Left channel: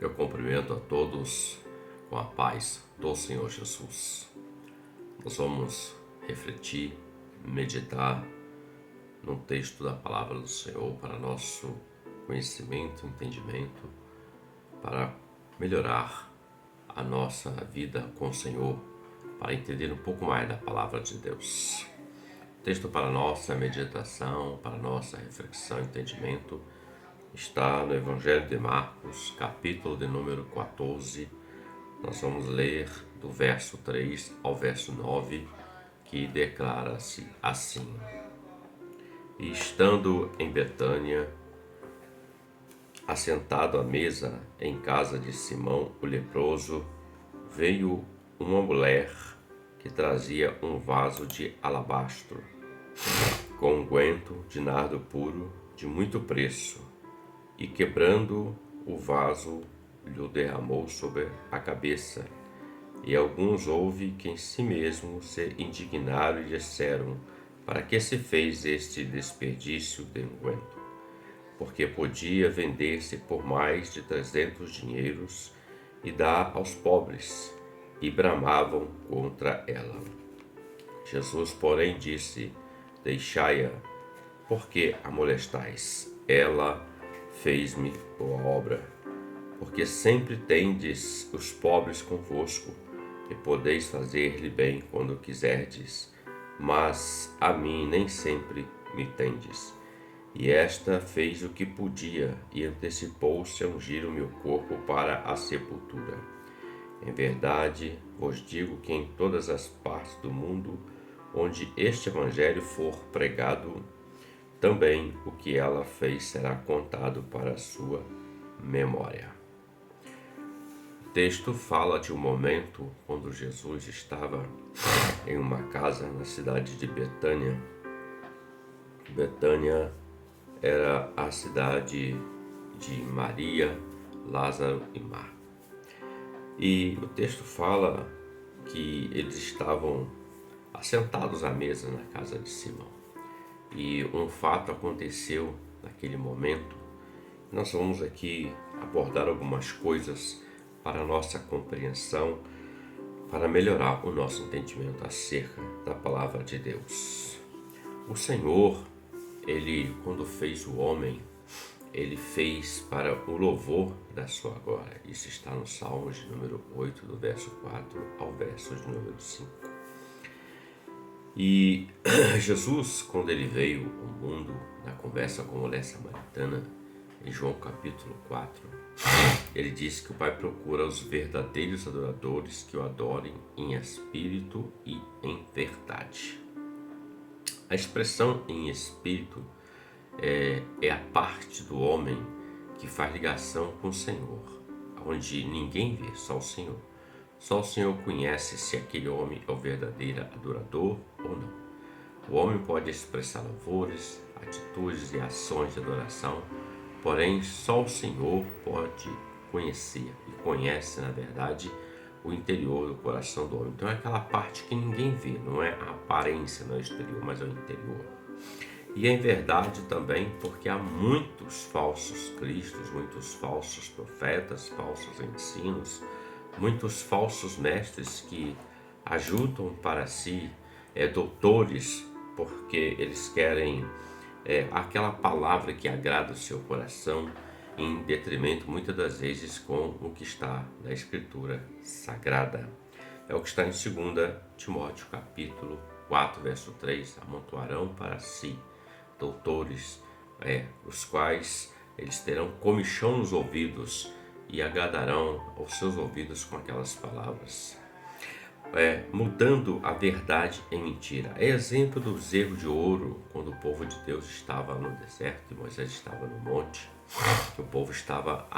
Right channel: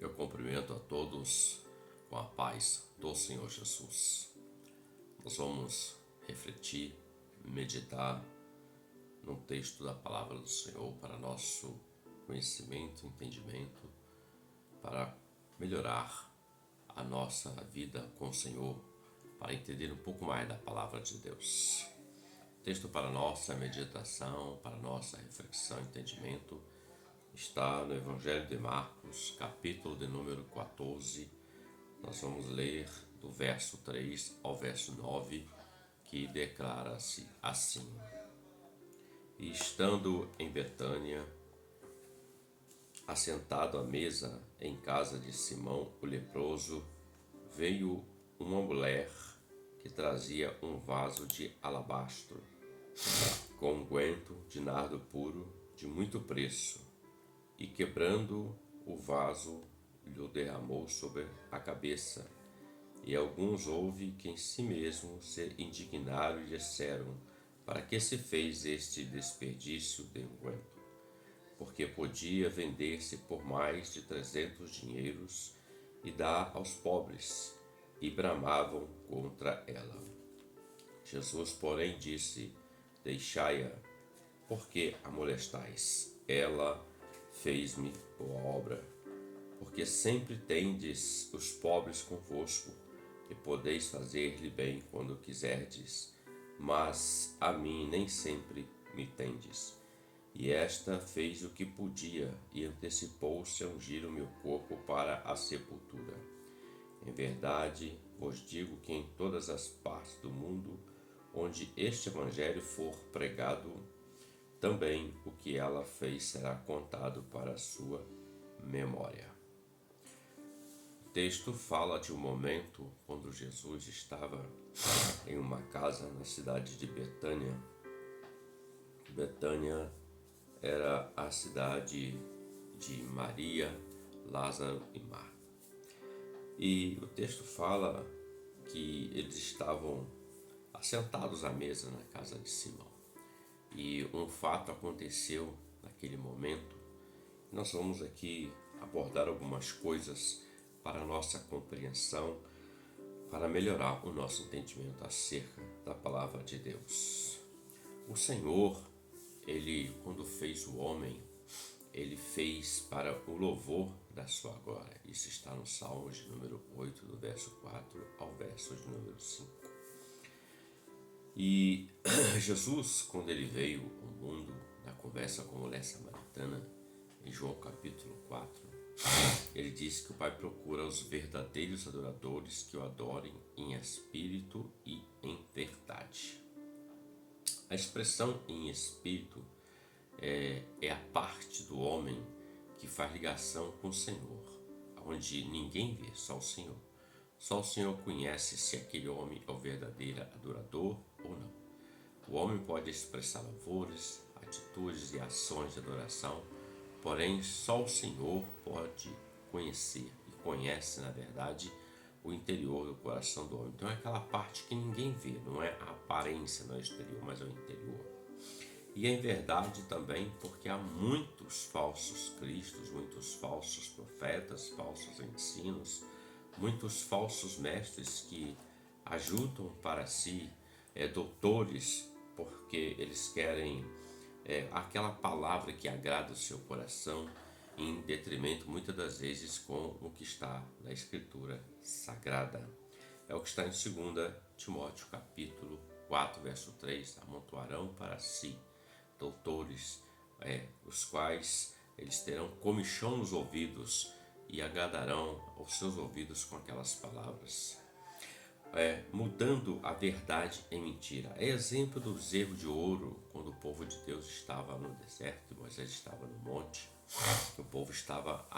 Eu cumprimento a todos com a paz do Senhor Jesus. Nós vamos refletir, meditar no texto da palavra do Senhor para nosso conhecimento, entendimento, para melhorar a nossa vida com o Senhor, para entender um pouco mais da palavra de Deus. O texto para nossa meditação, para nossa reflexão e entendimento está no Evangelho de Marcos, capítulo de número 14. Nós vamos ler do verso 3 ao verso 9, que declara-se assim: E estando em Betânia, assentado à mesa em casa de Simão o leproso, veio uma mulher que trazia um vaso de alabastro, com unguento de nardo puro de muito preço, e quebrando o vaso, lhe derramou sobre a cabeça. E alguns houve que em si mesmos se indignaram e disseram: Para que se fez este desperdício de unguento? Porque podia vender-se por mais de 300 dinheiros e dar aos pobres. E bramavam contra ela. Jesus, porém, disse: Deixai-a, porque a molestais? Ela fez-me boa obra. Porque sempre tendes os pobres convosco, e podeis fazer-lhe bem quando quiserdes, mas a mim nem sempre me tendes. E esta fez o que podia, e antecipou-se a ungir o meu corpo para a sepultura. Em verdade, vos digo que em todas as partes do mundo, onde este evangelho for pregado, também o que ela fez será contado para a sua memória. O texto fala de um momento quando Jesus estava em uma casa na cidade de Betânia. Betânia era a cidade de Maria, Lázaro e Marta. E o texto fala que eles estavam assentados à mesa na casa de Simão. E um fato aconteceu naquele momento. Nós vamos aqui abordar algumas coisas para a nossa compreensão, para melhorar o nosso entendimento acerca da palavra de Deus. O Senhor, Ele, quando fez o homem, Ele fez para o louvor da sua glória. Isso está no Salmo de número 8, do verso 4 ao verso de número 5. E Jesus, quando Ele veio ao mundo, na conversa com a mulher samaritana, em João capítulo 4, Ele diz que o Pai procura os verdadeiros adoradores que o adorem em espírito e em verdade. A expressão em espírito é a parte do homem que faz ligação com o Senhor, onde ninguém vê, só o Senhor. Só o Senhor conhece se aquele homem é o verdadeiro adorador ou não. O homem pode expressar louvores, atitudes e ações de adoração, porém só o Senhor pode conhecer e conhece, na verdade, o interior do coração do homem. Então é aquela parte que ninguém vê, não é a aparência, não é o exterior, mas é o interior. E é em verdade também porque há muitos falsos cristos, muitos falsos profetas, falsos ensinos, muitos falsos mestres que ajudam para si doutores, porque eles querem aquela palavra que agrada o seu coração, em detrimento muitas das vezes com o que está na Escritura Sagrada. É o que está em 2 Timóteo capítulo 4, verso 3, amontoarão para si doutores, os quais eles terão comichão nos ouvidos e agradarão aos seus ouvidos com aquelas palavras, mudando a verdade em mentira. É exemplo dos erros de ouro, quando o povo de Deus estava no deserto e Moisés estava no monte. O povo estava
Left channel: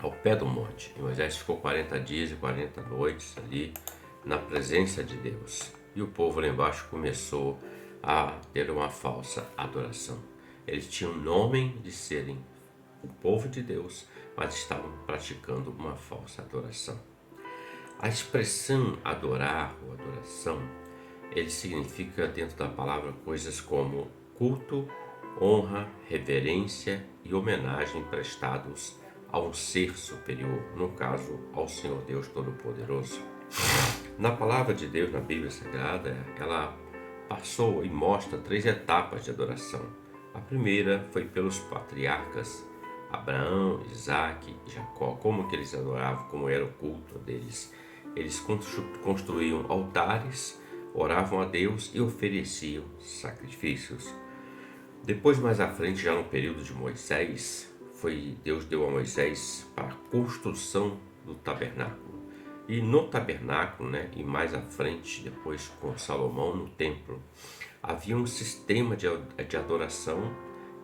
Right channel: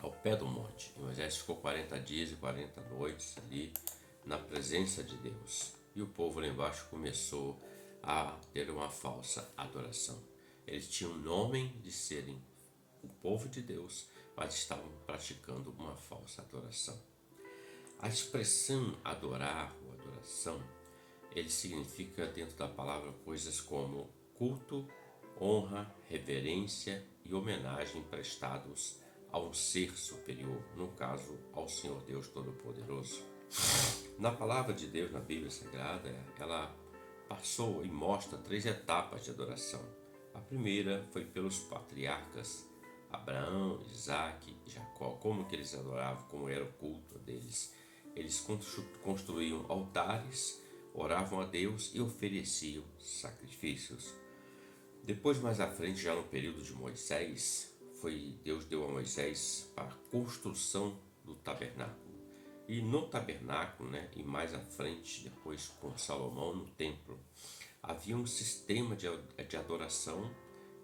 ao pé do monte e Moisés ficou 40 dias e 40 noites ali na presença de Deus. E o povo lá embaixo começou a ter uma falsa adoração. Eles tinham o nome de serem o povo de Deus, mas estavam praticando uma falsa adoração. A expressão adorar ou adoração, ele significa dentro da palavra coisas como culto, honra, reverência e homenagem prestados a um ser superior, no caso, ao Senhor Deus Todo-Poderoso. Na palavra de Deus, na Bíblia Sagrada, ela passou e mostra 3 etapas de adoração. A primeira foi pelos patriarcas Abraão, Isaac e Jacó, como que eles adoravam, como era o culto deles. Eles construíam altares, oravam a Deus e ofereciam sacrifícios. Depois, mais à frente, já no período de Moisés, Deus deu a Moisés para a construção do tabernáculo. E no tabernáculo, e mais à frente, depois com Salomão no templo, havia um sistema de adoração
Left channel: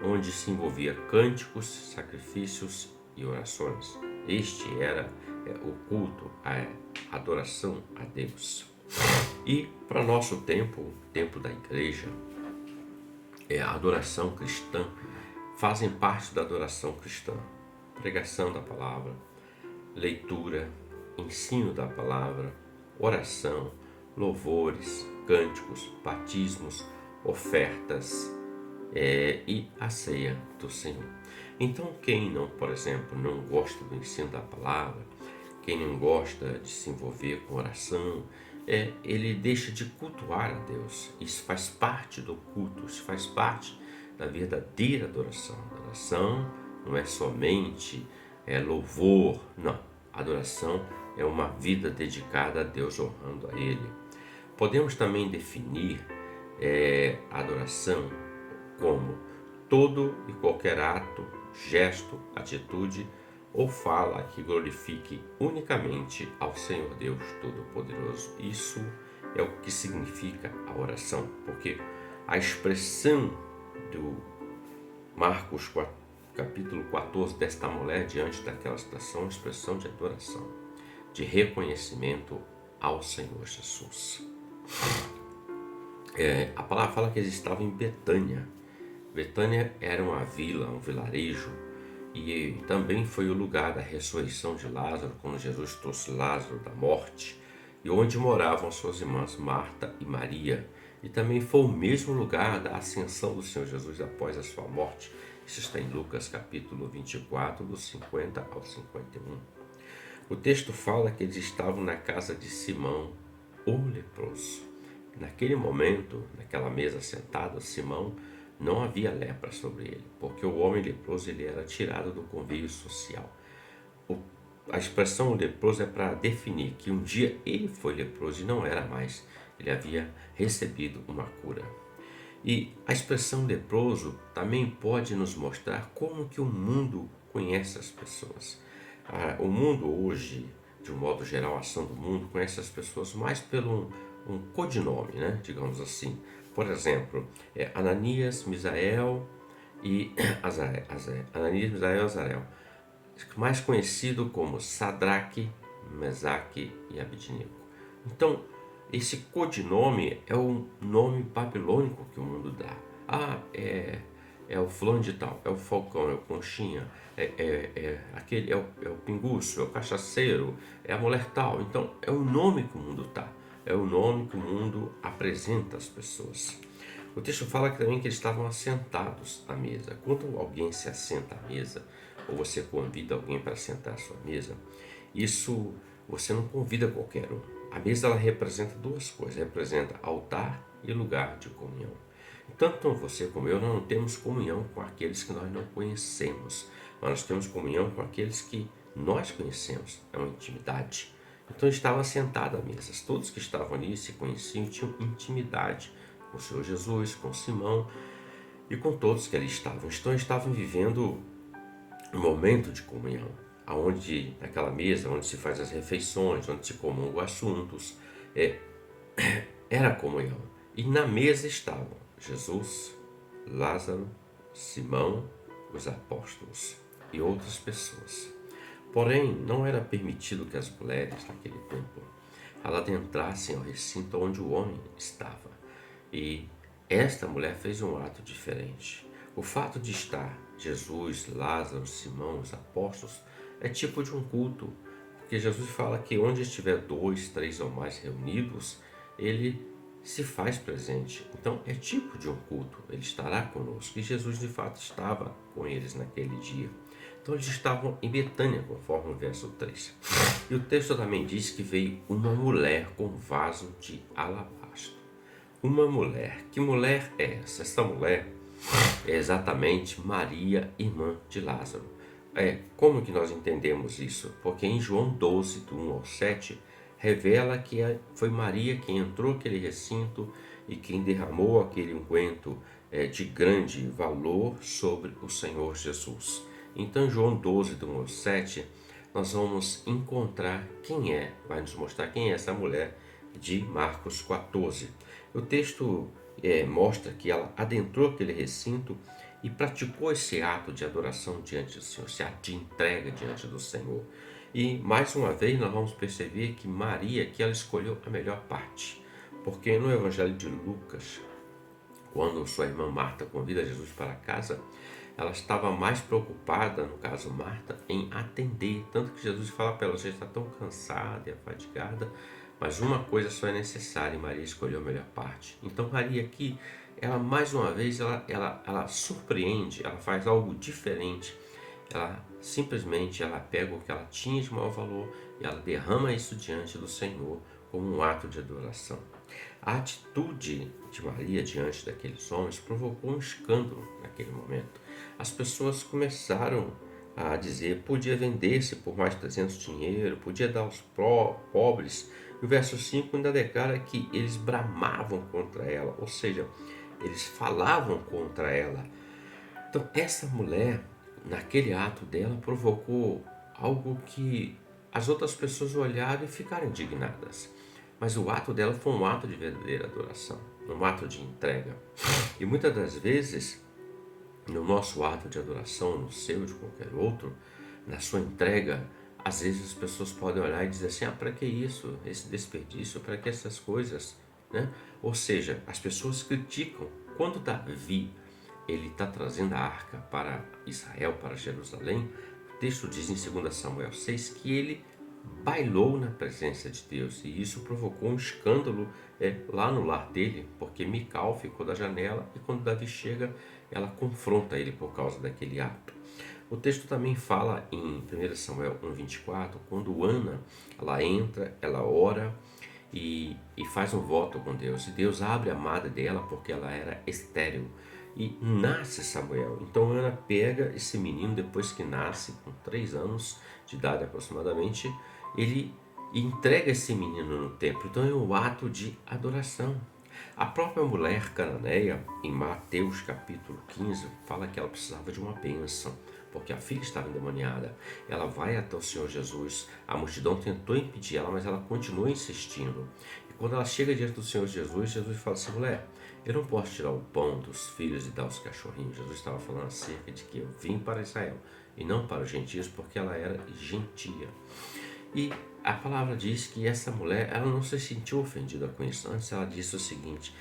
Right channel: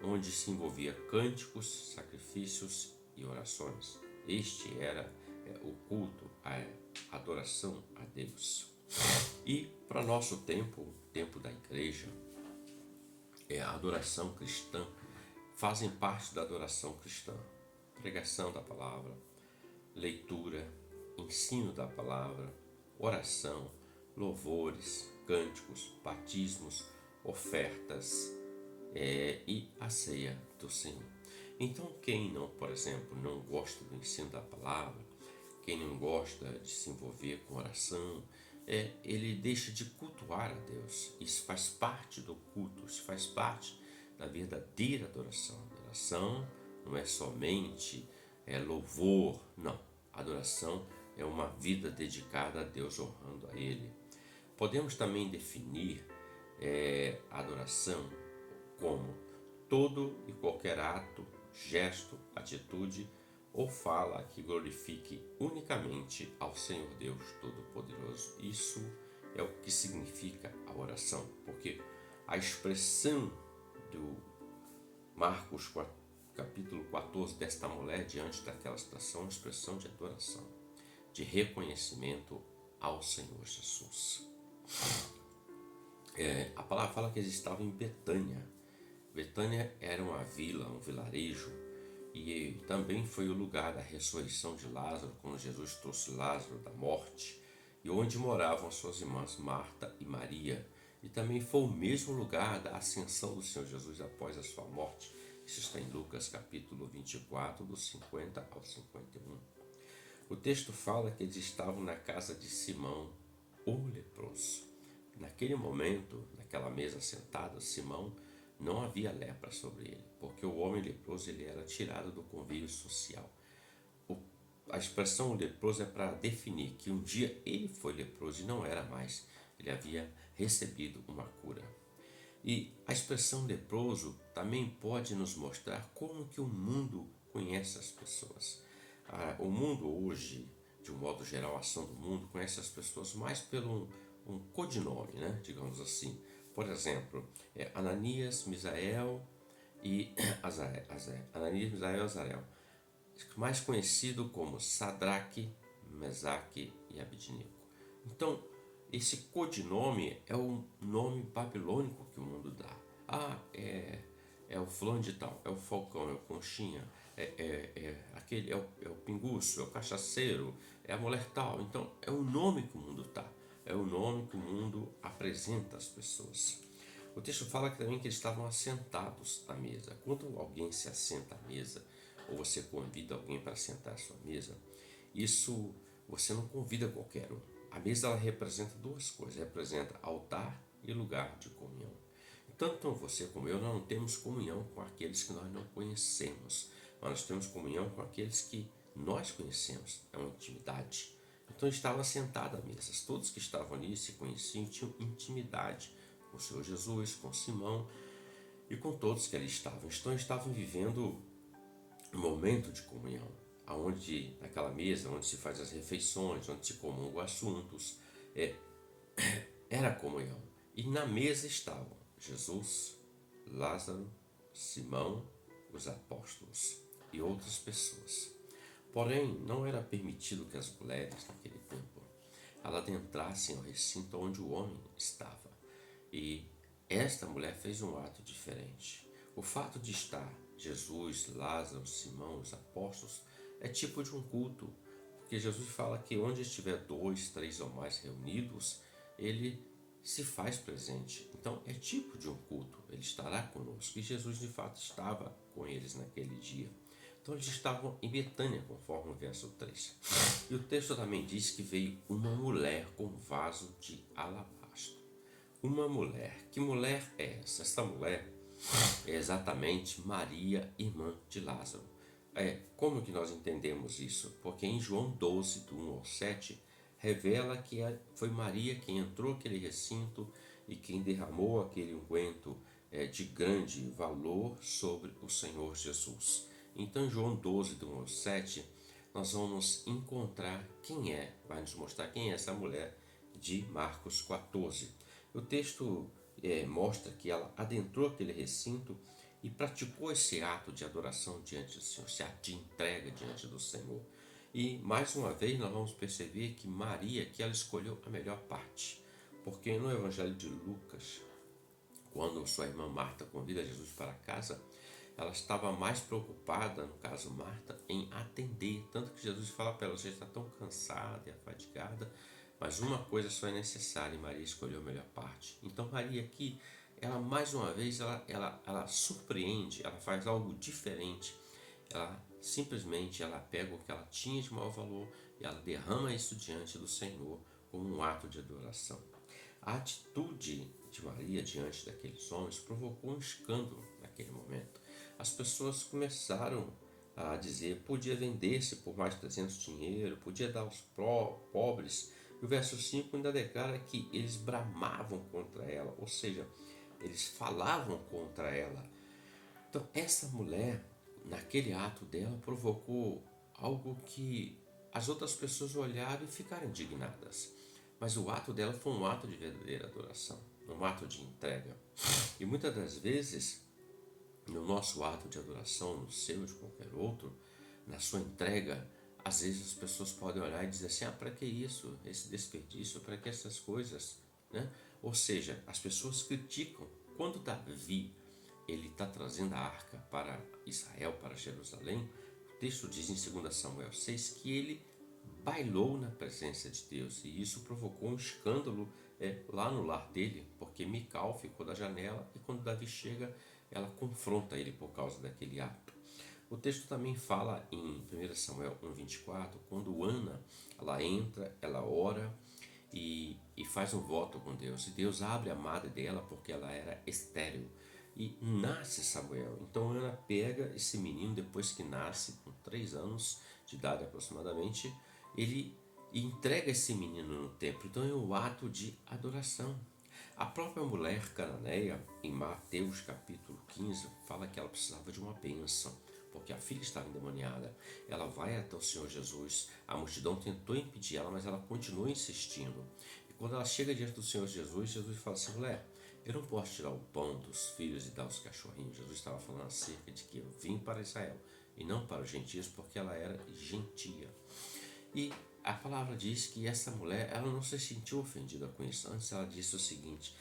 onde se envolvia cânticos, sacrifícios e orações. Este era o culto, a adoração a Deus. E para nosso tempo, o tempo da igreja, a adoração cristã, fazem parte da adoração cristã. Pregação da palavra, leitura, ensino da palavra, oração, louvores, cânticos, batismos, ofertas e a ceia do Senhor. Então, quem não, por exemplo, não gosta do ensino da palavra, quem não gosta de se envolver com oração, ele deixa de cultuar a Deus. Isso faz parte do culto, isso faz parte da verdadeira adoração. Adoração não é somente louvor, não. Adoração é uma vida dedicada a Deus, honrando a Ele. Podemos também definir a adoração como todo e qualquer ato, gesto, atitude ou fala que glorifique unicamente ao Senhor Deus Todo-Poderoso. Isso é o que significa a oração, porque a expressão do Marcos capítulo 14 desta mulher diante daquela situação, uma expressão de adoração, de reconhecimento ao Senhor Jesus. A palavra fala que eles estavam em Betânia. Betânia era uma vila, um vilarejo, e também foi o lugar da ressurreição de Lázaro, quando Jesus trouxe Lázaro da morte, e onde moravam suas irmãs Marta e Maria. E também foi o mesmo lugar da ascensão do Senhor Jesus após a sua morte. Isso está em Lucas capítulo 24, dos 50 ao 51. O texto fala que eles estavam na casa de Simão, o leproso. Naquele momento, naquela mesa sentada, Simão não havia lepra sobre ele, porque o homem leproso ele era tirado do convívio social. A expressão leproso é para definir que um dia ele foi leproso e não era mais. Ele havia recebido uma cura. E a expressão leproso também pode nos mostrar como que o mundo conhece as pessoas. O mundo hoje, de um modo geral, a ação do mundo conhece as pessoas mais pelo um codinome, digamos assim. Por exemplo, Ananias, Misael e Azarel, mais conhecido como Sadraque, Mesaque e Abednego. Então, esse codinome é o nome babilônico que o mundo dá. É o fulano de tal, é o falcão, é o conchinha, aquele, é o pinguço, é o cachaceiro, é a mulher tal. Então, é o nome que o mundo dá. É o nome que o mundo apresenta às pessoas. O texto fala também que eles estavam assentados à mesa. Quando alguém se assenta à mesa, ou você convida alguém para sentar à sua mesa, isso você não convida qualquer um. A mesa ela representa 2 coisas, representa altar e lugar de comunhão. Tanto você como eu não temos comunhão com aqueles que nós não conhecemos, mas nós temos comunhão com aqueles que nós conhecemos, é uma intimidade. Então estavam sentados à mesa, todos que estavam ali se conheciam, tinham intimidade com o Senhor Jesus, com Simão e com todos que ali estavam. Então estavam vivendo um momento de comunhão, onde naquela mesa, onde se faz as refeições, onde se comungam assuntos, era a comunhão. E na mesa estavam Jesus, Lázaro, Simão, os apóstolos e outras pessoas. Porém, não era permitido que as mulheres naquele tempo adentrassem ao recinto onde o homem estava. E esta mulher fez um ato diferente. O fato de estar Jesus, Lázaro, Simão, os apóstolos, é tipo de um culto, porque Jesus fala que onde estiver 2, 3 ou mais reunidos, ele se faz presente. Então é tipo de um culto, ele estará conosco. E Jesus de fato estava com eles naquele dia. Então eles estavam em Betânia, conforme o verso 3. E o texto também diz que veio uma mulher com um vaso de alabastro. Uma mulher. Que mulher é essa? Essa mulher é exatamente Maria, irmã de Lázaro. Como que nós entendemos isso? Porque em João 12, do 1 ao 7, revela que foi Maria quem entrou naquele recinto e quem derramou aquele unguento de grande valor sobre o Senhor Jesus. Então, em João 12, do 1 ao 7, nós vamos encontrar vai nos mostrar quem é essa mulher de Marcos 14. O texto mostra que ela adentrou aquele recinto e praticou esse ato de adoração diante do Senhor, esse ato de entrega diante do Senhor. E mais uma vez nós vamos perceber que Maria, que ela escolheu a melhor parte, porque no Evangelho de Lucas, quando sua irmã Marta convida Jesus para casa, ela estava mais preocupada, no caso Marta, em atender, tanto que Jesus fala para ela: você está tão cansada e afadigada, mas uma coisa só é necessária, e Maria escolheu a melhor parte. Então Maria aqui, ela mais uma vez, ela surpreende, ela faz algo diferente. Ela simplesmente pega o que ela tinha de maior valor e ela derrama isso diante do Senhor como um ato de adoração. A atitude de Maria diante daqueles homens provocou um escândalo naquele momento. As pessoas começaram a dizer: podia vender-se por mais 300 dinheiro, podia dar aos pobres. E o verso 5 ainda declara que eles bramavam contra ela, ou seja, eles falavam contra ela. Então, essa mulher, naquele ato dela, provocou algo que as outras pessoas olharam e ficaram indignadas. Mas o ato dela foi um ato de verdadeira adoração, um ato de entrega. E muitas das vezes, no nosso ato de adoração, no seu ou de qualquer outro, na sua entrega, às vezes as pessoas podem olhar e dizer assim: para que isso, esse desperdício, para que essas coisas, né? Ou seja, as pessoas criticam. Quando Davi ele está trazendo a arca para Israel, para Jerusalém, o texto diz em 2 Samuel 6 que ele bailou na presença de Deus, e isso provocou um escândalo lá no lar dele, porque Mical ficou da janela e quando Davi chega, ela confronta ele por causa daquele ato. O texto também fala em 1 Samuel 1,24, quando Ana ela entra, ela ora e faz um voto com Deus, e Deus abre a madre dela porque ela era estéril. E nasce Samuel. Então Ana pega esse menino depois que nasce, com 3 anos de idade aproximadamente, ele entrega esse menino no templo. Então é um ato de adoração. A própria mulher cananeia, em Mateus capítulo 15, fala que ela precisava de uma bênção, porque a filha estava endemoniada. Ela vai até o Senhor Jesus, a multidão tentou impedir ela, mas ela continuou insistindo. E quando ela chega diante do Senhor Jesus, Jesus fala assim: mulher, eu não posso tirar o pão dos filhos e dar aos cachorrinhos. Jesus estava falando acerca de que eu vim para Israel e não para os gentios, porque ela era gentia. E a palavra diz que essa mulher, ela não se sentiu ofendida com isso. Antes ela disse o seguinte:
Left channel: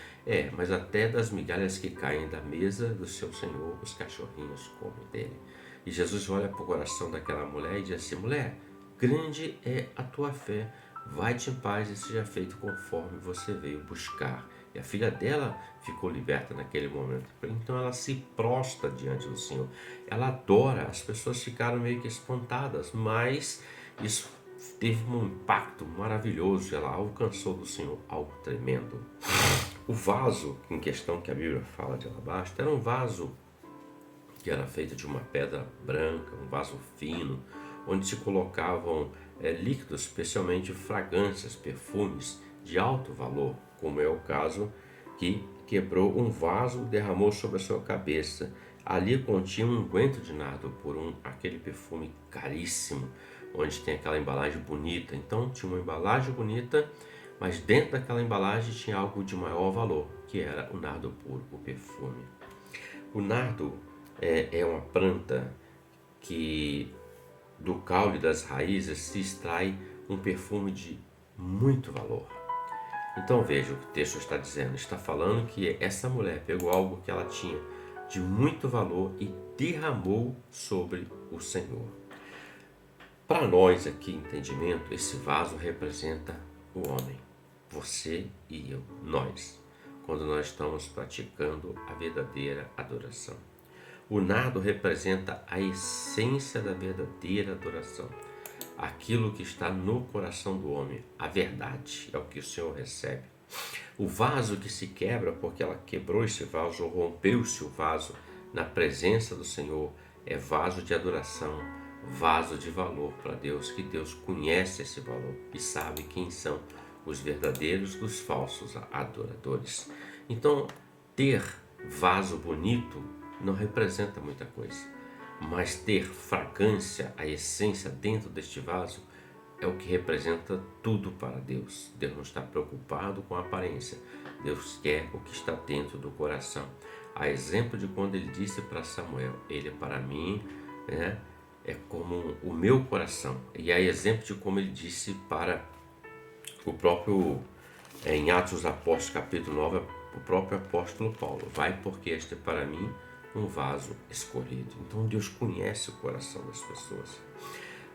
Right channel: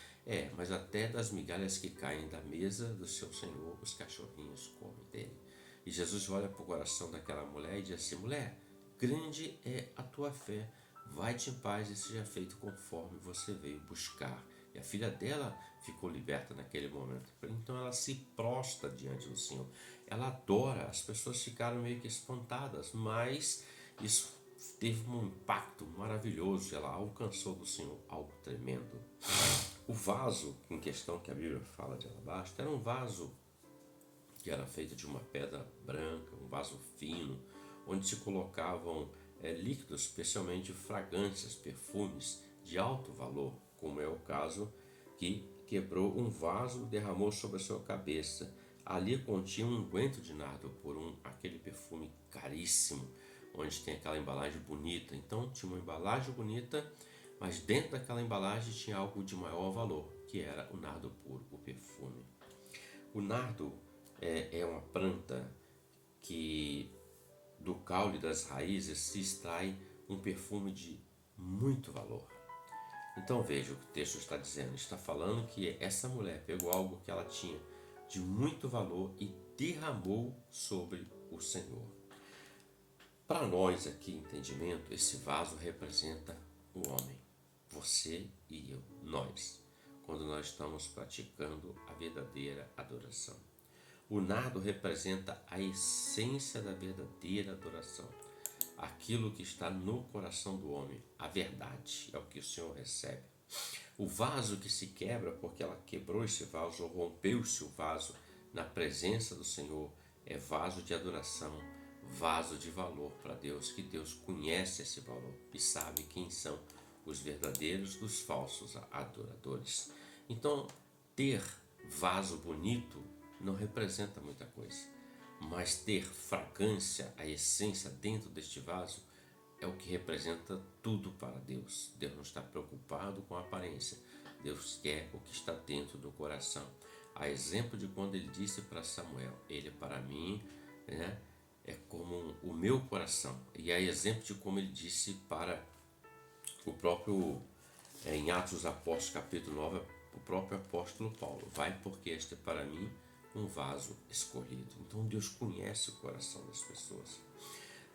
mas até das migalhas que caem da mesa do seu Senhor, os cachorrinhos comem dele. E Jesus olha para o coração daquela mulher e diz assim: mulher, grande é a tua fé, vai-te em paz e seja feito conforme você veio buscar. E a filha dela ficou liberta naquele momento. Então ela se prostra diante do Senhor. Ela adora. As pessoas ficaram meio que espantadas, mas isso teve um impacto maravilhoso. Ela alcançou do Senhor algo tremendo. O vaso em questão que a Bíblia fala de alabastro era um vaso que era feito de uma pedra branca, um vaso fino, onde se colocavam líquidos, especialmente fragrâncias, perfumes de alto valor, como é o caso que quebrou um vaso e derramou sobre a sua cabeça. Ali continha um unguento de nardo puro, aquele perfume caríssimo, onde tem aquela embalagem bonita. Então tinha uma embalagem bonita, mas dentro daquela embalagem tinha algo de maior valor, que era o nardo puro, o perfume. O nardo é uma planta que do caule das raízes se extrai um perfume de muito valor. Então veja o que o texto está dizendo. Está falando que essa mulher pegou algo que ela tinha de muito valor e derramou sobre o Senhor. Para nós aqui, entendimento, esse vaso representa o homem, você e eu, nós, quando nós estamos praticando a verdadeira adoração. O nardo representa a essência da verdadeira adoração. Aquilo que está no coração do homem, a verdade, é o que o Senhor recebe. O vaso que se quebra porque ela quebrou esse vaso ou rompeu-se o vaso na presença do Senhor é vaso de adoração, vaso de valor para Deus, que Deus conhece esse valor e sabe quem são os verdadeiros dos falsos adoradores. Então, ter vaso bonito não representa muita coisa, mas ter fragrância, a essência dentro deste vaso é o que representa tudo para Deus. Deus não está preocupado com a aparência, Deus quer o que está dentro do coração. A exemplo de quando ele disse para Samuel, ele é para mim, né, é como o meu coração. E a exemplo de como ele disse para o próprio, em Atos dos Apóstolos, capítulo 9, o próprio apóstolo Paulo, vai porque este é para mim um vaso escolhido. Então Deus conhece o coração das pessoas.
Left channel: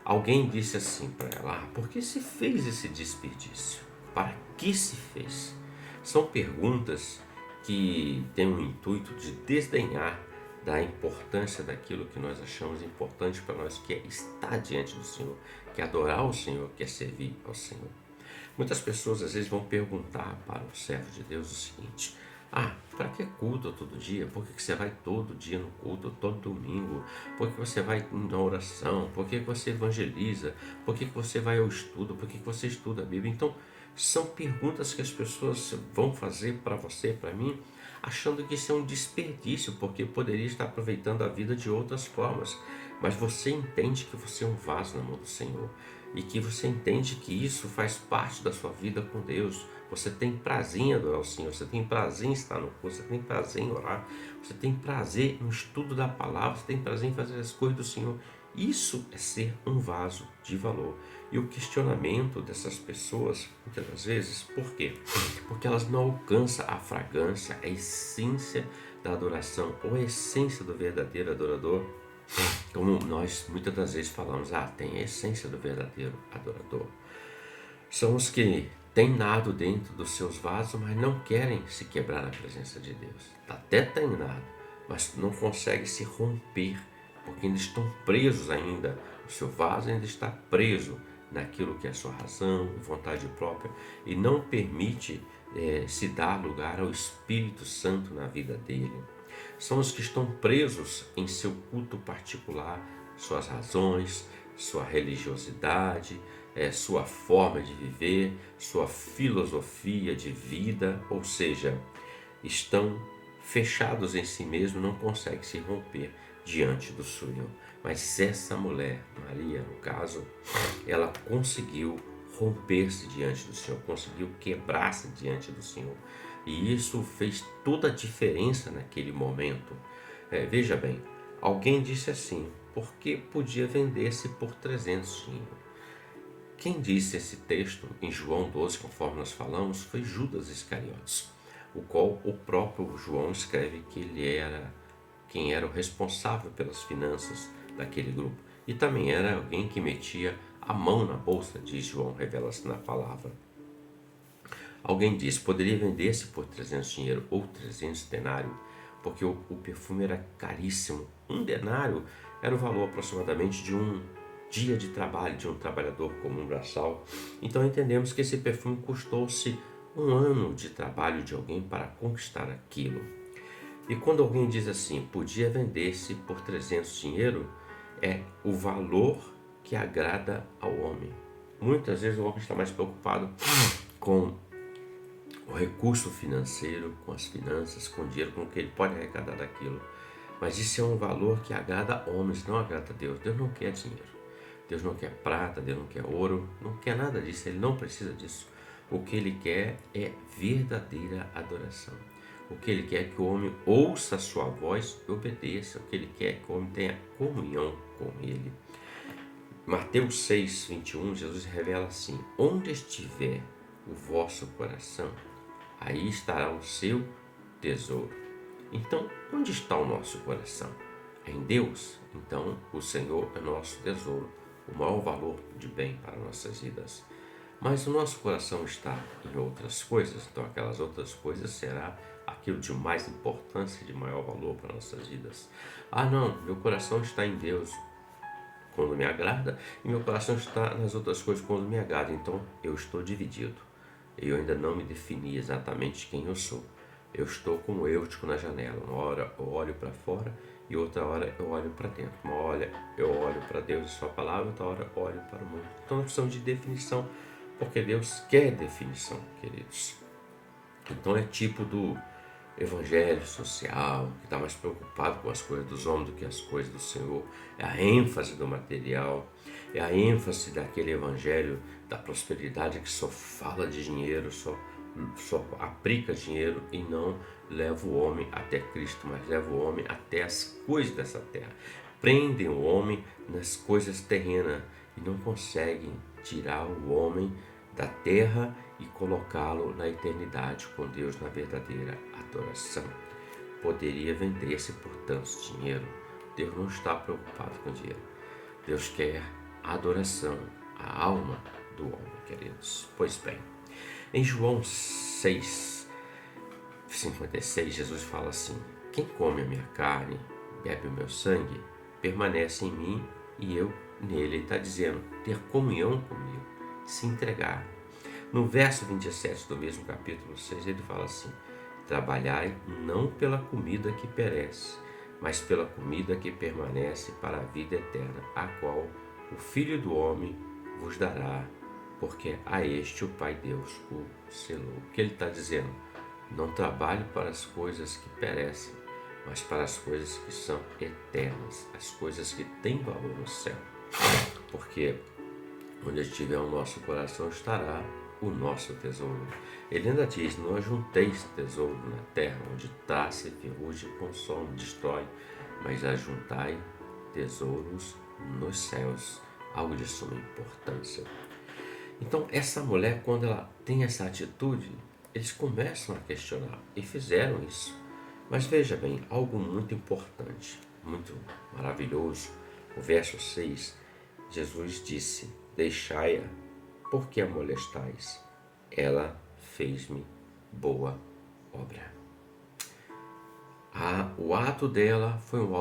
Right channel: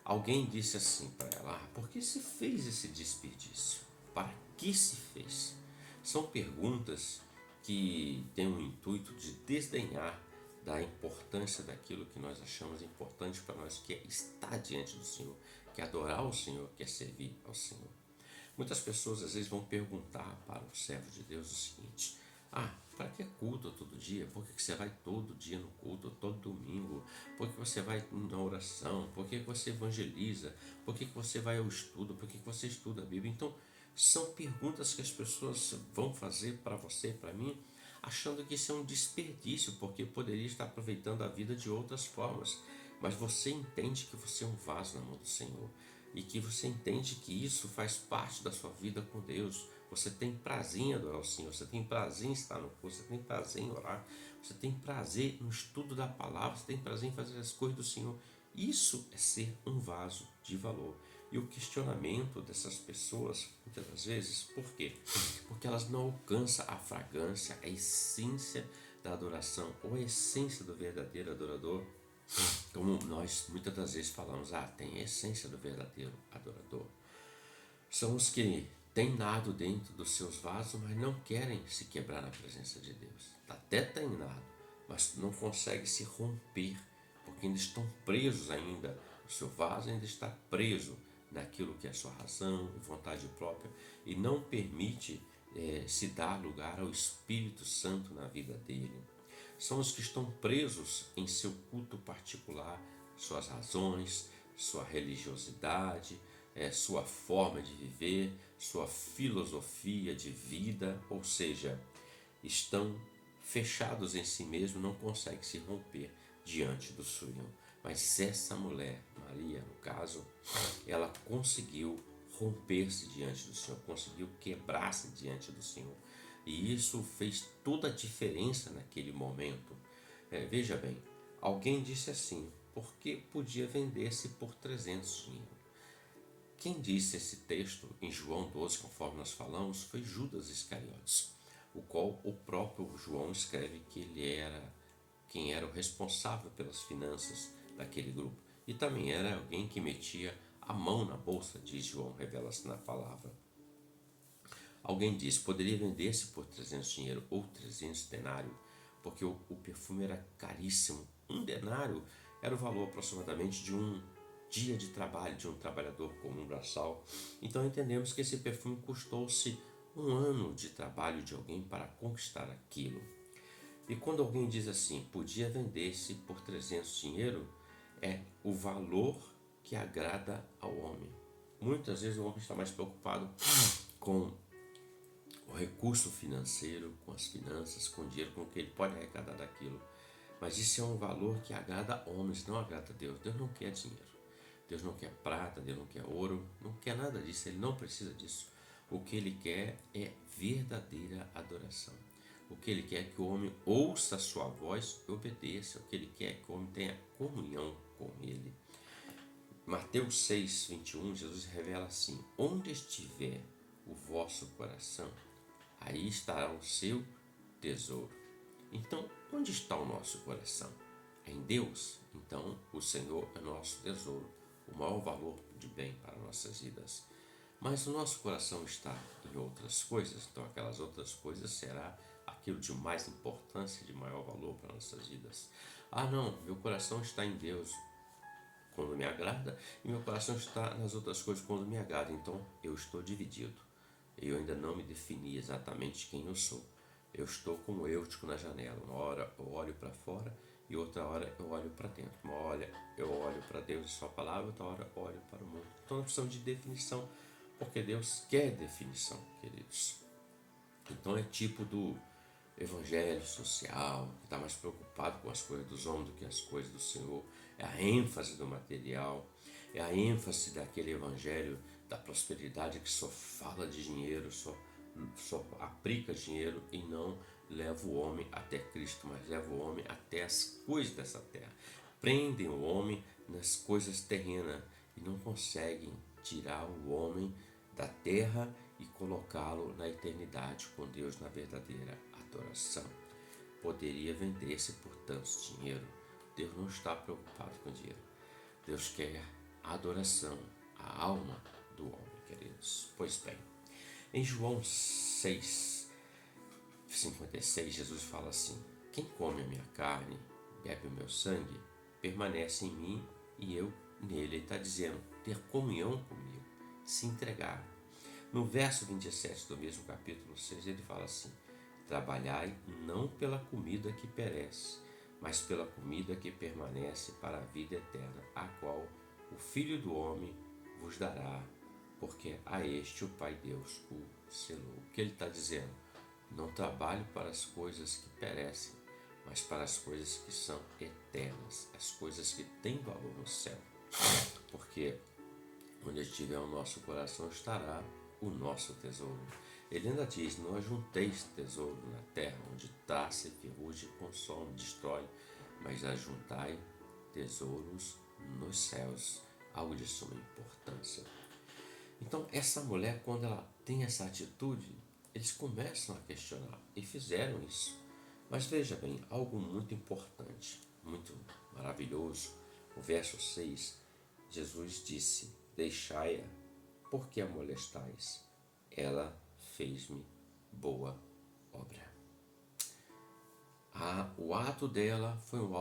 Alguém disse assim para ela, por que se fez esse desperdício? Para que se fez? São perguntas que têm o intuito de desdenhar da importância daquilo que nós achamos importante para nós, que é estar diante do Senhor, que é adorar o Senhor, que é servir ao Senhor. Muitas pessoas às vezes vão perguntar para o servo de Deus o seguinte, para que culto todo dia? Por que você vai todo dia no culto, todo domingo? Por que você vai na oração? Por que você evangeliza? Por que você vai ao estudo? Por que você estuda a Bíblia? Então, são perguntas que as pessoas vão fazer para você, para mim, achando que isso é um desperdício, porque poderia estar aproveitando a vida de outras formas. Mas você entende que você é um vaso na mão do Senhor e que você entende que isso faz parte da sua vida com Deus. Você tem prazer em adorar o Senhor, você tem prazer em estar no curso, você tem prazer em orar, você tem prazer no estudo da palavra, você tem prazer em fazer as coisas do Senhor. Isso é ser um vaso de valor. E o questionamento dessas pessoas, muitas das vezes, por quê? Porque elas não alcançam a fragrância, a essência da adoração ou a essência do verdadeiro adorador. Como nós muitas das vezes falamos, tem a essência do verdadeiro adorador. São os que têm nado dentro dos seus vasos, mas não querem se quebrar na presença de Deus. Até tem nado, mas não conseguem se romper, porque ainda estão presos ainda. O seu vaso ainda está preso naquilo que é sua razão e vontade própria e não permite se dar lugar ao Espírito Santo na vida dele. São os que estão presos em seu culto particular, suas razões, sua religiosidade, sua forma de viver, sua filosofia de vida, ou seja, estão fechados em si mesmos, não conseguem se romper diante do Senhor. Mas essa mulher, Maria, no caso, ela conseguiu romper-se diante do Senhor, conseguiu quebrar-se diante do Senhor. E isso fez toda a diferença naquele momento. Veja bem, alguém disse assim, porque podia vender-se por 300 dinheiro. Quem disse esse texto em João 12, conforme nós falamos, foi Judas Iscariotes, o qual o próprio João escreve que ele era quem era o responsável pelas finanças daquele grupo. E também era alguém que metia a mão na bolsa, diz João, revela-se na palavra. Alguém disse, poderia vender-se por 300 dinheiro ou 300 denário, porque o perfume era caríssimo. Um denário era o valor aproximadamente de um dia de trabalho de um trabalhador comum braçal. Então entendemos que esse perfume custou-se um ano de trabalho de alguém para conquistar aquilo. E quando alguém diz assim, podia vender-se por 300 dinheiro, é o valor que agrada ao homem. Muitas vezes o homem está mais preocupado com o recurso financeiro, com as finanças, com o dinheiro, com o que ele pode arrecadar daquilo. Mas isso é um valor que agrada a homens, não agrada a Deus. Deus não quer dinheiro. Deus não quer prata, Deus não quer ouro, não quer nada disso, Ele não precisa disso. O que Ele quer é verdadeira adoração. O que Ele quer é que o homem ouça a sua voz e obedeça. O que Ele quer é que o homem tenha comunhão com Ele. Mateus 6, 21, Jesus revela assim, onde estiver o vosso coração, aí estará o seu tesouro. Então, onde está o nosso coração? É em Deus? Então, o Senhor é nosso tesouro, o maior valor de bem para nossas vidas. Mas o nosso coração está em outras coisas, então aquelas outras coisas será aquilo de mais importância, de maior valor para nossas vidas. Ah, não, meu coração está em Deus quando me agrada e meu coração está nas outras coisas quando me agrada. Então eu estou dividido. Eu ainda não me defini exatamente quem eu sou. Eu estou como Eutico na janela. Uma hora eu olho para fora e outra hora eu olho para dentro. Uma hora eu olho para Deus e sua palavra, outra hora eu olho para o mundo. Então nós precisamos de definição, porque Deus quer definição, queridos. Então é tipo do evangelho social, que está mais preocupado com as coisas dos homens do que as coisas do Senhor. É a ênfase do material, é a ênfase daquele evangelho da prosperidade que só fala de dinheiro, só aplica dinheiro e não leva o homem até Cristo, mas leva o homem até as coisas dessa terra. Prendem o homem nas coisas terrenas e não conseguem tirar o homem da terra e colocá-lo na eternidade com Deus na verdadeira adoração. Poderia vender-se por tanto dinheiro. Deus não está preocupado com dinheiro. Deus quer a adoração, a alma do homem, queridos. Pois bem, em João 6,56, Jesus fala assim: quem come a minha carne, bebe o meu sangue, permanece em mim e eu nele. Ele está dizendo, ter comunhão comigo, se entregar. No verso 27 do mesmo capítulo 6, ele fala assim: trabalhai não pela comida que perece, mas pela comida que permanece para a vida eterna, a qual o Filho do Homem vos dará, porque a este o Pai Deus o selou. O que ele está dizendo? Não trabalhe para as coisas que perecem, mas para as coisas que são eternas, as coisas que têm valor no céu. Porque onde estiver o nosso coração estará o nosso tesouro. Ele ainda diz: não ajunteis tesouro na terra, onde traça e ferrugem consome, destrói, mas ajuntai tesouros nos céus, algo de suma importância. Então essa mulher, quando ela tem essa atitude, eles começam a questionar, e fizeram isso. Mas veja bem, algo muito importante, muito maravilhoso. O verso 6, Jesus disse: deixai-a, porque a molestais? Ela fez-me boa obra. O ato dela foi um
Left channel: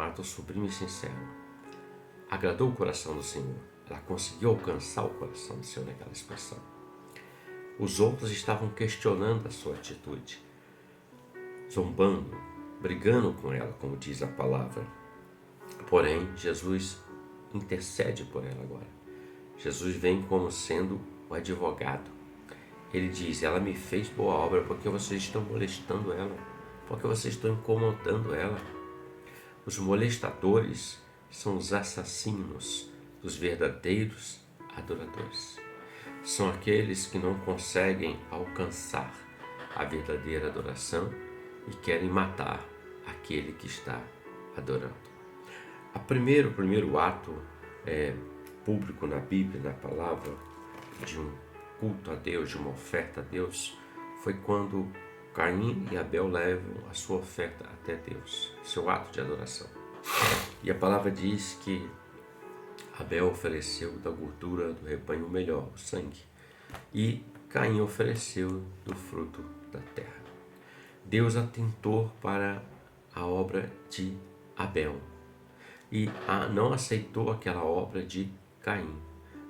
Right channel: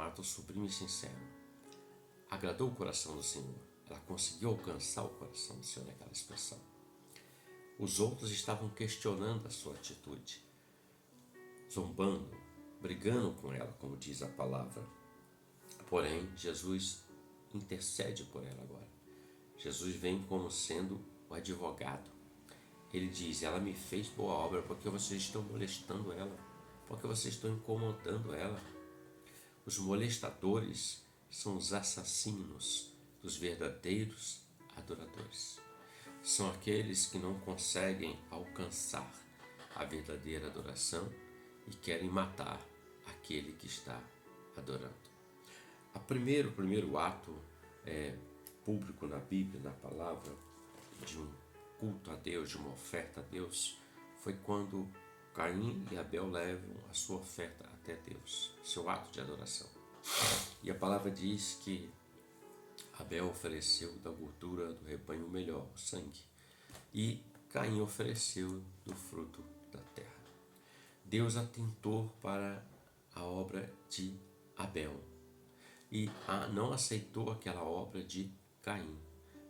ato sublime e sincero. Agradou o coração do Senhor. Ela conseguiu alcançar o coração do Senhor naquela expressão. Os outros estavam questionando a sua atitude, zombando, brigando com ela, como diz a palavra. Porém, Jesus intercede por ela agora. Jesus vem como sendo o advogado. Ele diz: ela me fez boa obra porque vocês estão molestando ela, porque vocês estão incomodando ela. Os molestadores são os assassinos dos verdadeiros adoradores. São aqueles que não conseguem alcançar a verdadeira adoração e querem matar aquele que está adorando. O primeiro ato público na Bíblia, na palavra, de um culto a Deus, de uma oferta a Deus, foi quando Caim e Abel levam a sua oferta até Deus, seu ato de adoração. E a palavra diz que Abel ofereceu da gordura do rebanho o melhor, o sangue, e Caim ofereceu do fruto da terra. Deus atentou para a obra de Abel e não aceitou aquela obra de Caim,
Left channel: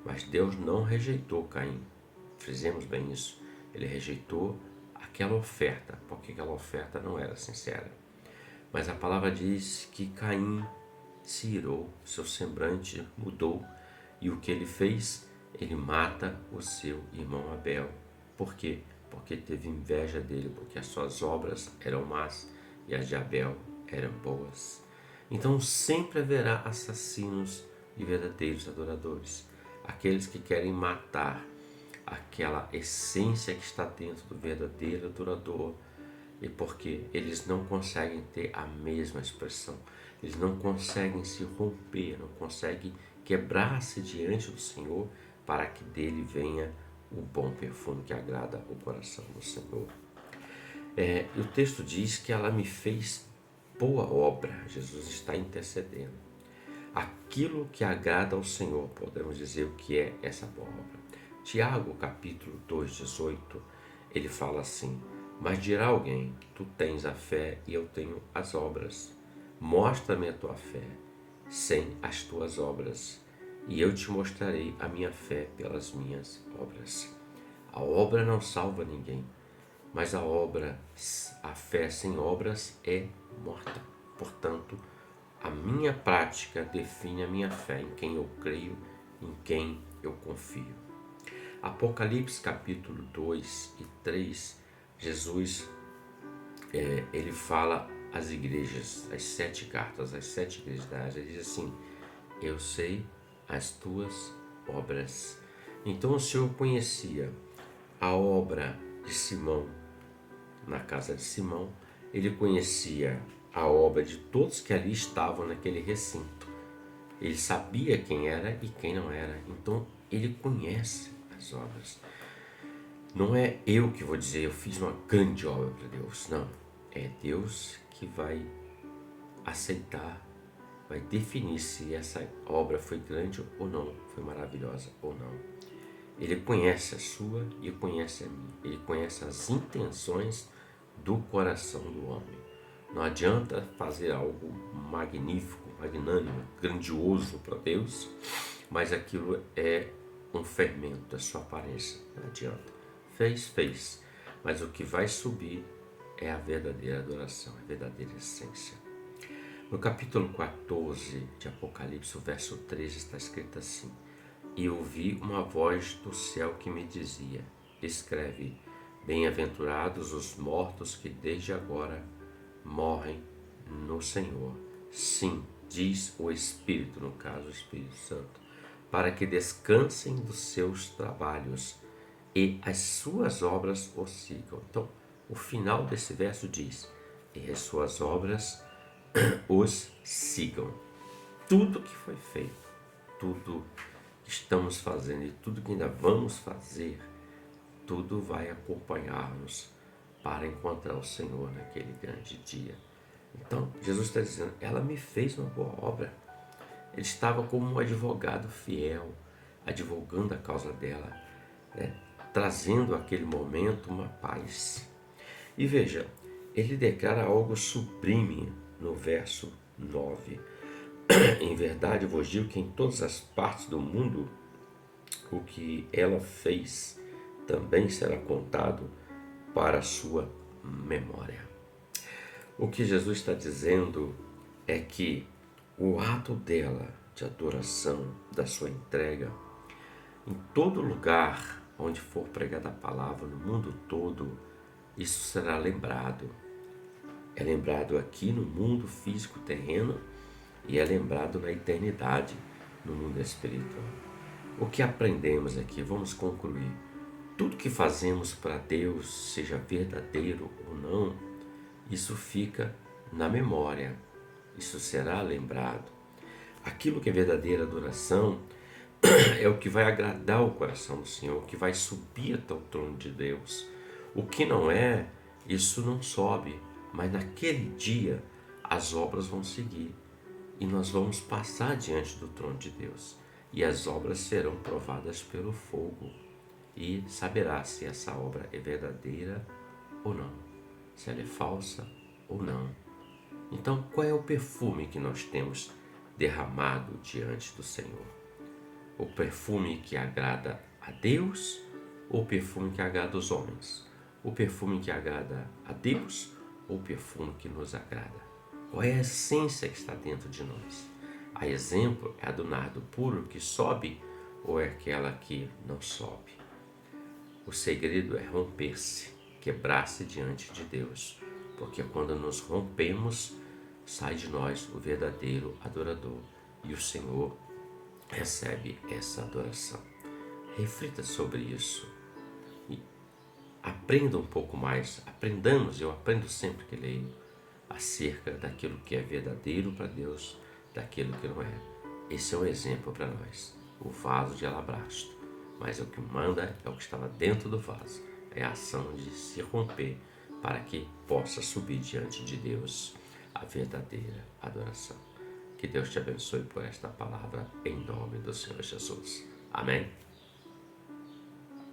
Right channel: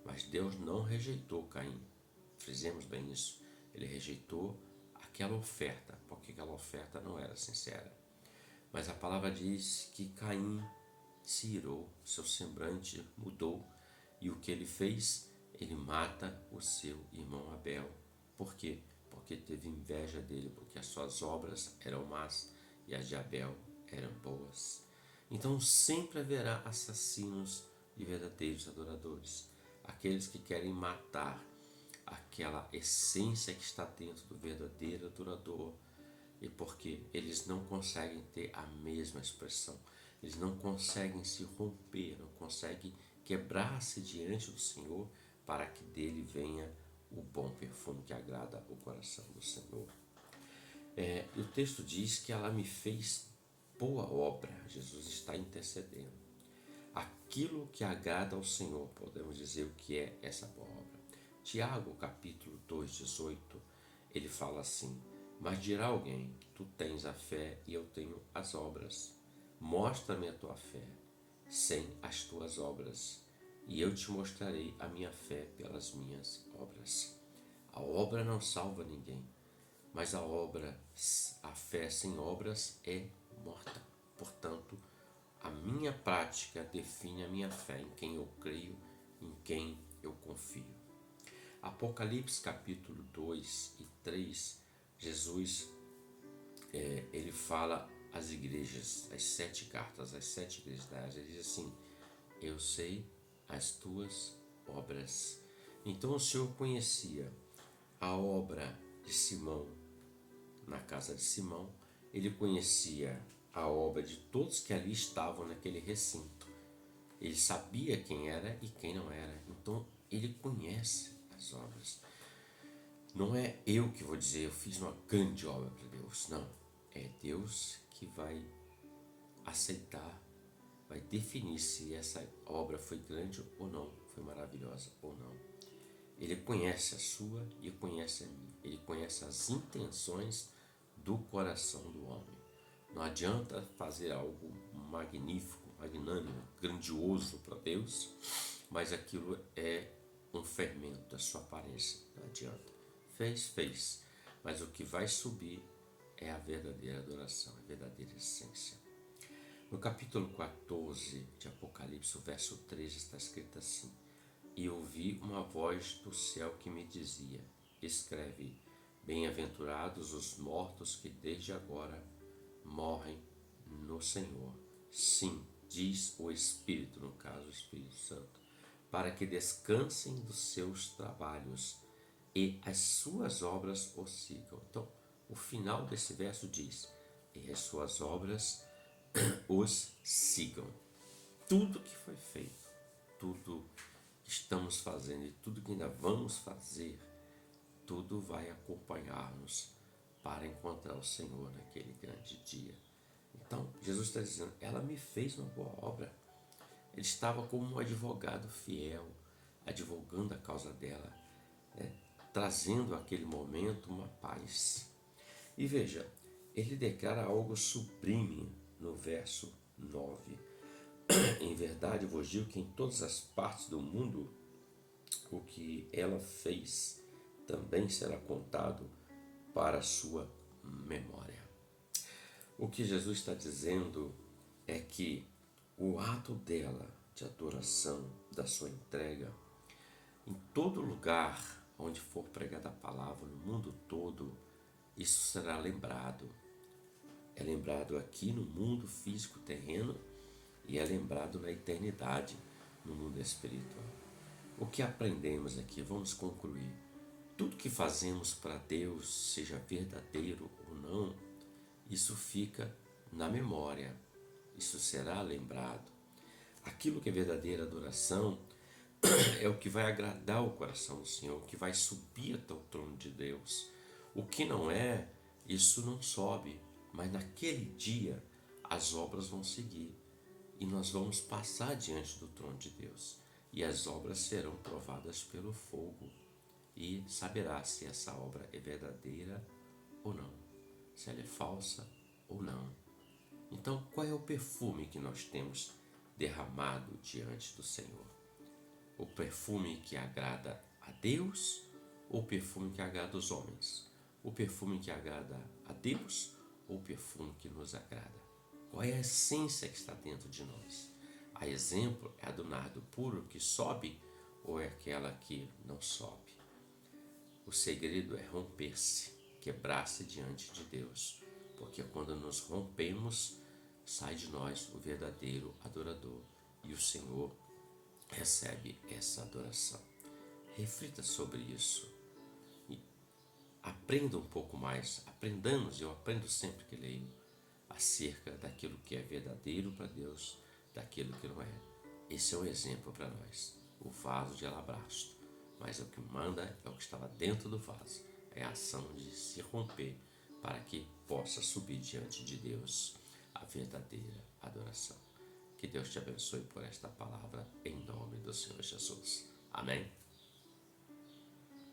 mas Deus não rejeitou Caim. Fizemos bem isso. Ele rejeitou aquela oferta, porque aquela oferta não era sincera. Mas a palavra diz que Caim se irou, seu semblante mudou, e o que ele fez? Ele mata o seu irmão Abel. Por quê? Porque teve inveja dele, porque as suas obras eram más e as de Abel eram boas. Então sempre haverá assassinos e verdadeiros adoradores, aqueles que querem matar aquela essência que está dentro do verdadeiro adorador, e porque eles não conseguem ter a mesma expressão, eles não conseguem se romper, não conseguem quebrar-se diante do Senhor para que dele venha o bom perfume que agrada o coração do Senhor. E o texto diz que ela me fez boa obra. Jesus está intercedendo. Aquilo que agrada ao Senhor, podemos dizer o que é essa boa obra. Tiago, capítulo 2, 18, ele fala assim: Mas dirá alguém: tu tens a fé e eu tenho as obras. Mostra-me a tua fé sem as tuas obras, e eu te mostrarei a minha fé pelas minhas obras. A obra não salva ninguém, mas a fé sem obras é morta. Portanto, a minha prática define a minha fé, em quem eu creio, em quem eu confio. Apocalipse capítulo 2 e 3, Jesus ele fala às igrejas, as 7 cartas, as 7 igrejas da Ásia, ele diz assim: eu sei as tuas obras. Então o Senhor conhecia a obra de Simão na casa de Simão, ele conhecia a obra de todos que ali estavam naquele recinto. Ele sabia quem era e quem não era. Então ele conhece as obras. Não é eu que vou dizer eu fiz uma grande obra para Deus. Não. É Deus que vai aceitar, vai definir se essa obra foi grande ou não, foi maravilhosa ou não. Ele conhece a sua e conhece a minha. Ele conhece as intenções do coração do homem. Não adianta fazer algo magnífico, magnânimo, grandioso para Deus, mas aquilo é um fermento da sua aparência. Não adianta. Fez. Mas o que vai subir é a verdadeira adoração, a verdadeira essência. No capítulo 14 de Apocalipse, o verso 13, está escrito assim: e ouvi uma voz do céu que me dizia: escreve, bem-aventurados os mortos que desde agora morrem no Senhor. Sim, diz o Espírito, no caso o Espírito Santo, para que descansem dos seus trabalhos e as suas obras os sigam. Então, o final desse verso diz: e as suas obras os sigam. Tudo que foi feito, tudo que estamos fazendo e tudo que ainda vamos fazer, tudo vai acompanhar-nos para encontrar o Senhor naquele grande dia. Então, Jesus está dizendo: ela me fez uma boa obra. Ele estava como um advogado fiel, advogando a causa dela, né? Trazendo aquele momento uma paz. E veja, ele declara algo sublime no verso 9. Em verdade vos digo que em todas as partes do mundo o que ela fez também será contado para a sua memória. O que Jesus está dizendo é que o ato dela de adoração, da sua entrega, em todo lugar onde for pregada a palavra, no mundo todo, isso será lembrado. É lembrado aqui no mundo físico terreno e é lembrado na eternidade, no mundo espiritual. O que aprendemos aqui? Vamos concluir. Tudo que fazemos para Deus, seja verdadeiro ou não, isso fica na memória, isso será lembrado. Aquilo que é verdadeira adoração é o que vai agradar o coração do Senhor, o que vai subir até o trono de Deus. O que não é, isso não sobe, mas naquele dia as obras vão seguir e nós vamos passar diante do trono de Deus e as obras serão provadas pelo fogo e saberá se essa obra é verdadeira ou não, se ela é falsa ou não. Então, qual é o perfume que nós temos derramado diante do Senhor? O perfume que agrada a Deus ou o perfume que agrada os homens? O perfume que agrada a Deus ou o perfume que nos agrada? Qual é a essência que está dentro de nós? A exemplo, é a do nardo puro que sobe ou é aquela que não sobe? O segredo é romper-se, quebrar-se diante de Deus, porque quando nos rompemos, sai de nós o verdadeiro adorador e o Senhor recebe essa adoração. Reflita sobre isso e aprenda um pouco mais. Aprendamos, eu aprendo sempre que leio, acerca daquilo que é verdadeiro para Deus, daquilo que não é. Esse é um exemplo para nós, o vaso de alabastro. Mas o que manda é o que estava dentro do vaso, é a ação de se romper para que possa subir diante de Deus a verdadeira adoração. Que Deus te abençoe por esta palavra, em nome do Senhor Jesus. Amém?